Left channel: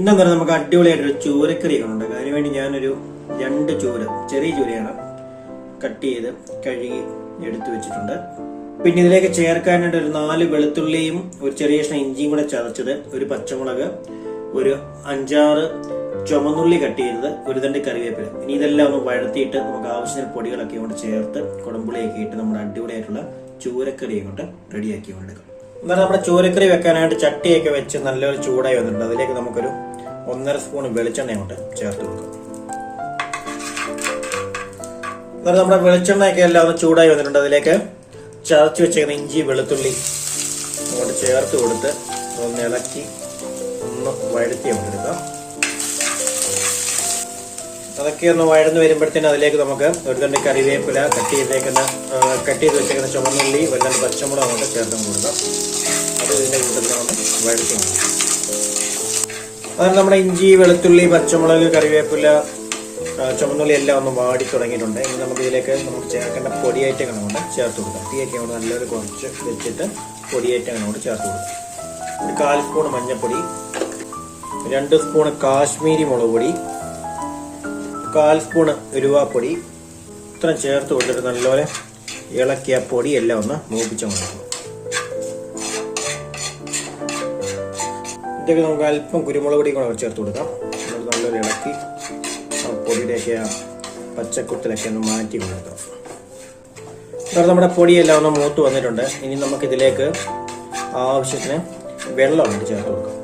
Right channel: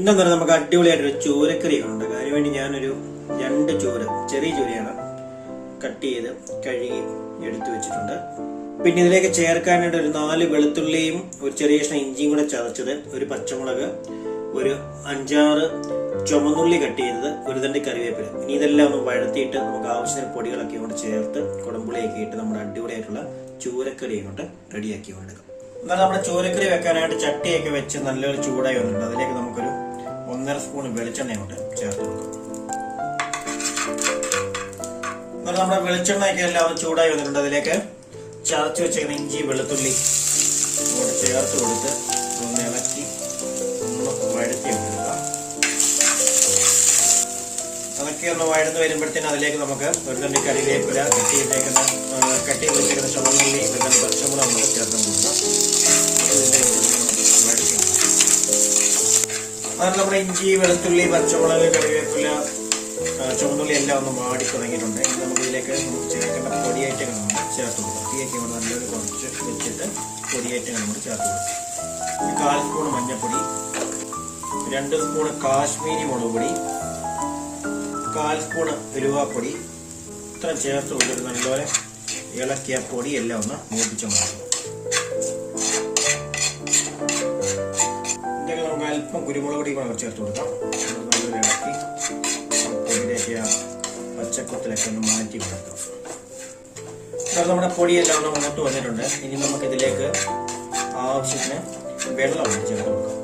ഇന്നെന്ന് പറഞ്ഞാൽ നമുക്ക് അടിപൊളിയായിട്ടൊരു ചൂരക്കറി ഉണ്ട്. അതിനുവേണ്ടി ഞാനൊരു 2 ചൂര, ചെറിയ ചൂരയാണ്, കട്ട് ചെയ്ത് കഴുകി എടുത്തു വെച്ചിട്ടുണ്ട്. പിന്നെ ഇതിലേക്ക് ചേർക്കാനായിട്ട് ഒരു 4 വെളുത്തുള്ളിയും ഒരു ചെറിയ കഷ്ണം ഇഞ്ചിയും കൂടെ ചതച്ചത്, ഒരു പച്ചമുളക്, ഒരു 5-6 ചുമന്നുള്ളി കട്ട് ചെയ്തത്, ഒരു തണ്ട് കറിവേപ്പില. ഇനി ഇതെല്ലാം ഒന്ന് വഴത്തിയിട്ട് നമുക്ക് ആവശ്യത്തിന് പൊടികളൊക്കെ കൊണ്ട് ചേർത്ത് കുടമ്പുളിയൊക്കെ ഇട്ട് നമ്മുടെ അടിപൊളിയായിട്ടുള്ള ചൂരക്കറി കൊണ്ട് റെഡിയാക്കി കൊണ്ടെടുക്കാം. എന്നാൽ നമ്മുടെ ചൂരക്കറി വെക്കാനായിട്ട് ചട്ടിയൊക്കെ വെച്ച് നല്ലൊരു ചൂടായി വന്നിട്ടുണ്ട്. അതിലേക്ക് നമുക്കൊരു 1.5 സ്പൂൺ വെളിച്ചെണ്ണ കൊണ്ട് ചേർത്ത് കൊടുക്കാം. എന്നാൽ നമ്മുടെ വെളിച്ചെണ്ണയൊക്കെ എല്ലാം ഒന്ന് ചൂടായി വന്നിട്ടുണ്ട്. അതിലേക്ക് ചതച്ച് വെച്ചേക്കുന്ന ഇഞ്ചി വെളുത്തുള്ളി അങ്ങോട്ട് ചേർത്ത് കൊടുത്ത് ഒന്ന് ഇളക്കി വഴറ്റി കൊടുക്കാം. അതൊക്കെ ഒന്ന് വഴന്ന് വരുമ്പോഴത്തേന് അതിലേക്ക് നമുക്ക് ഒരു തണ്ട് കറിവേപ്പില, കട്ട് ചെയ്ത് വെച്ചേക്കുന്ന ചുവന്നുള്ളി, വെള്ളം പച്ചമുളക് നമുക്ക് ചേർത്ത് കൊടുക്കാം. വഴറ്റി അതാണ് നമ്മുടെ ഇഞ്ചി വെളുത്തുള്ളി പച്ചമുളക് കറിവേപ്പില ചുവന്നുള്ളി എല്ലാം ഒന്ന് വാടി തുടങ്ങിയിട്ടുണ്ട്. ഇനി നമുക്ക് ഇതിലേക്ക് ചേർക്കേണ്ട പൊടിയേറ്റങ്ങൾ കൊണ്ട് ചേർത്ത് കൊടുക്കാം. തീയൊക്കെ കൊണ്ട് നല്ലൊരു കുറച്ച് വെച്ചിട്ട് പൊടിയേറ്റങ്ങൾ കൊണ്ട് ചേർത്ത് കൊടുക്കാം. 1/4 സ്പൂൺ മഞ്ഞൾപ്പൊടി, 2 സ്പൂൺ കാശ്മീരി മുളക് പൊടി, 1/4 സ്പൂൺ ഉലുവാപ്പൊടി, ഇത്ര ചേർത്ത് കൊടുത്തിട്ട് നല്ലപോലെ ഇളക്കിയ പൊടി എല്ലാം ഒന്ന് മൂപ്പിച്ച് കൊടുക്കും. ഇതിലേക്ക് നമുക്ക് അല്പം കുരുമുളക് പൊടി കൂടെ ചേർത്ത് കൊടുക്കാം. നല്ലൊരു ഇളക്കി പൊടിയിലേക്ക് പച്ചക്കുത്തിലൊക്കെ ഒന്ന് മാറ്റി കൊടുക്കാം. നമ്മുടെ പൊടിയെല്ലാം ഒന്ന് മൂത്ത് വന്നിട്ടുണ്ട്. ഇനി നമുക്ക് ഇതിലേക്ക് ആവശ്യത്തിന് വെള്ളം ചേർത്ത് കൊടുക്കാം.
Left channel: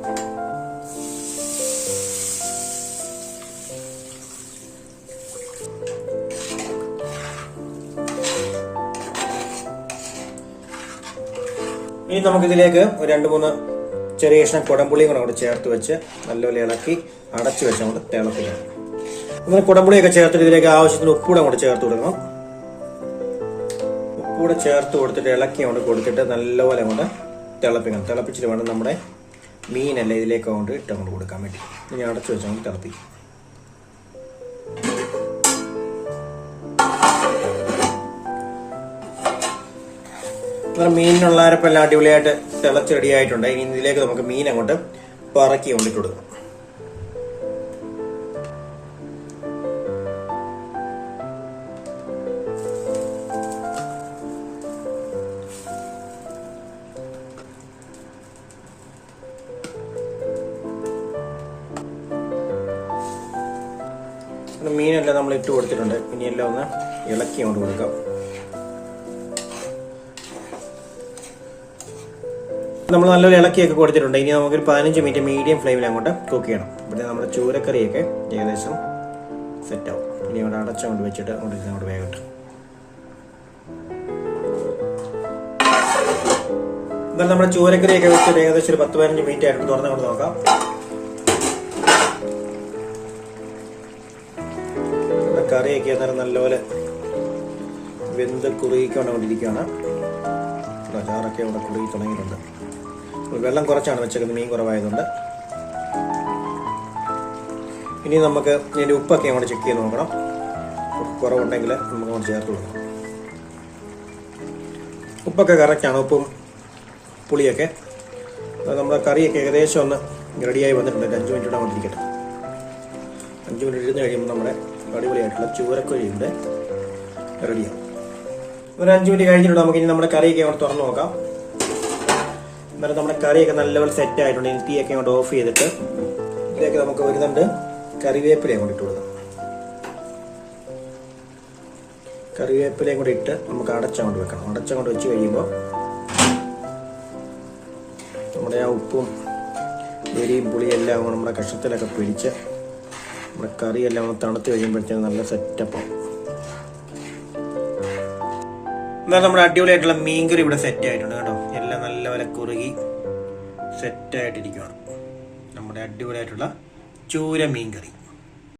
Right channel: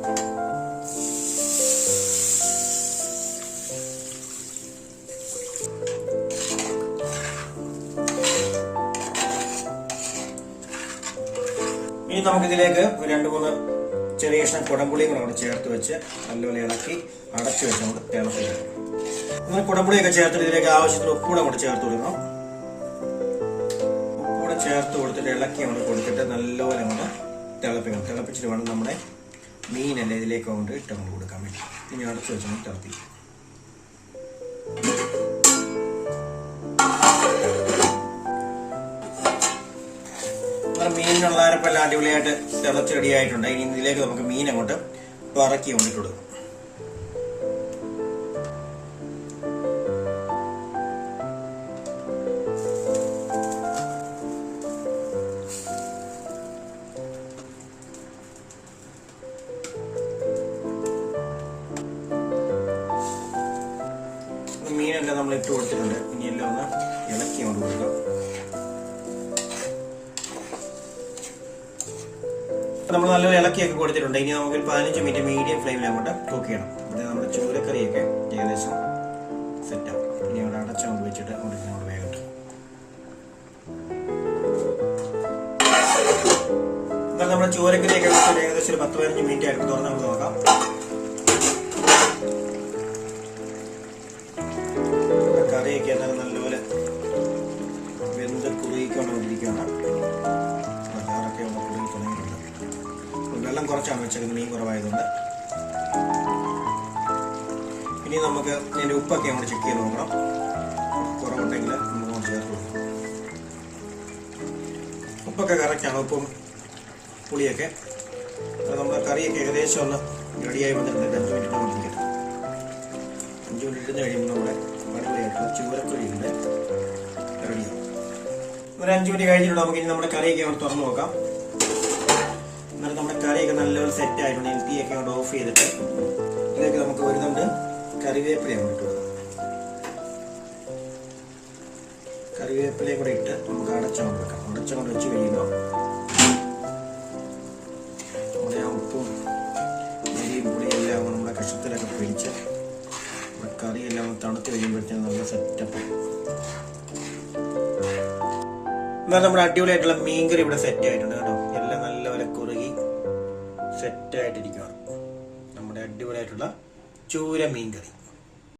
ഇനി നമുക്കിതിലേക്ക് 2-3 ചെറിയ കഷ്ണം കുടംപുളിയും കൂടെ ചേർത്ത് വെച്ച് നല്ലപോലെ ഇളക്കി അടച്ചു വെച്ച് നമുക്ക് തിളപ്പിക്കണം. അങ്ങനെ കുടംപുളിയൊക്കെ ചേർത്തിട്ട് ഇതിലേക്ക് ആവശ്യത്തിന് ഉപ്പൂടെ കൂടെ ചേർത്ത് കൊടുക്കണം. ഉപ്പൂടെ ചേർത്ത് കൊടുത്തിട്ട് ഇളക്കി കൊണ്ട് കൊടുത്തിട്ട് നല്ലപോലെ കൊണ്ട് തിളപ്പിക്കണം. തിളപ്പിച്ചിട്ട് വേണം നമ്മുടെ മീനല്ല ഇതിലേക്ക് കൊണ്ട് ഇട്ടങ്ങോട്ട് കൊടുക്കാൻ വേണ്ടി. ഇനി അടച്ചു വെച്ചാൽ തിളപ്പിക്കും. മീനിനുള്ള അരപ്പെല്ലാം അടിപൊളിയായിട്ട് തിളച്ച് റെഡിയായിട്ടുണ്ട്. ഇനി ഇതിലേക്ക് നമുക്ക് മീൻ അങ്ങോട്ട് പറക്കി കൊണ്ടിട്ട് കൊടുക്കും. മീനെല്ലാം നമ്മൾ ഇട്ട് കൊടുത്തിട്ടുണ്ട്. ഇനി എല്ലാം ഒന്ന് ഇളക്കി കൊണ്ട് കൊടുക്കാം. നമ്മൾ നല്ലൊരു ഇളക്കിയൊക്കെ കൊടുത്തിട്ടുണ്ട്. ഇനി നമുക്കൊരു 15 മിനിറ്റ് മീഡിയം ഫ്ലെയിമിൽ അങ്ങോട്ട് കുക്ക് ചെയ്യണം. പിന്നെ നമ്മുടെ ചൂരക്കറിയൊക്കെ ഏകദേശം സെറ്റ് ആവും. ഇനി അവിടെ അടച്ചങ്ങോട്ട് വെച്ചിട്ട് അങ്ങോട്ട് വേഗം എന്നാൽ നമ്മുടെ ചൂരക്കറിയൊക്കെ വെച്ചിട്ട് ഏകദേശം ഒരു 10-15 മിനിറ്റ് ആയിട്ട് തുറന്ന് നമുക്ക് നോക്കാം. കറിയൊക്കെ എന്നാലും നല്ലപോലെ വെന്ത് കുറുകിക്കൊണ്ടിരിക്കുകയാണ്. ചാറൊക്കെ അവിടെ കുറുകി തുടങ്ങിയിട്ടുണ്ട്. വെള്ളം കുറച്ചാണ് വെച്ചേക്കുന്നത്, മീൻ കുറവായതുകൊണ്ട്. ഇനി നമുക്ക് ഇതിൻ്റെ ഉപ്പൊക്കെ അങ്ങോട്ട് ചെക്ക് ചെയ്ത് നോക്കണം. കുറവുണ്ടെങ്കിൽ നമുക്ക് ചേർത്ത് കൊടുക്കണം. ഉപ്പൊക്കെ കറക്റ്റാണ്, ഉപ്പും പുളിയൊക്കെ. നമ്മുടെ കറിയൊക്കെ ഏകദേശം ഒന്ന് റെഡിയായി വന്നിട്ടുണ്ട്. 5 മിനിറ്റ് കൊണ്ടിരിക്കട്ടെ. 5 മിനിറ്റ് ഇരുന്ന് കഴിയുമ്പോൾ നമ്മുടെ അടിപൊളിയായിട്ടുള്ള ചൂരക്കറിയുണ്ട് റെഡിയാവും. ഒരു 5 മിനിറ്റ് കഴിഞ്ഞിട്ട് നമുക്ക് ഇനി നമ്മുടെ കറിയൊക്കെ അങ്ങോട്ട് തുറന്ന് നോക്കാം. എന്നാലും നമ്മുടെ കറിയൊക്കെ നല്ലപോലെ സെറ്റ് ആയിട്ടുണ്ട്. ഇനി തീയൊക്കെ അങ്ങോട്ട് ഓഫ് ചെയ്തിട്ട് ഇതിലേക്ക് നമുക്ക് ഒരു തണ്ട് കറിവേപ്പിലയും കൂടി ഇട്ട് കൊടുക്കാം. കറിവേപ്പിലയും കൂടി ഇട്ട് നമുക്ക് അടച്ചങ്ങോട്ട് വെക്കണം. അടച്ചങ്ങോട്ട് വെച്ച് കഴിയുമ്പോൾ നമ്മുടെ ആ ഉപ്പും എരിയും പുളിയും എല്ലാം നമ്മുടെ കഷത്തിലൊക്കെ പിടിച്ച് നമ്മുടെ കറിയെല്ലാം തണുത്ത് കഴിയുമ്പോഴത്തേക്കും നല്ല സെറ്റപ്പാണ്. എന്നാൽ നമ്മുടെ അടിപൊളിയായിട്ടുള്ള മീൻകറി ഇവിടെ സെറ്റ് ആയിട്ടുണ്ട് കേട്ടോ. എല്ലാം നല്ലപോലെ കുറുകി സെറ്റായിട്ടിരിക്കുകയാണ് നമ്മുടെ അടിപൊളിയായിട്ടുള്ള ചൂര മീൻകറി.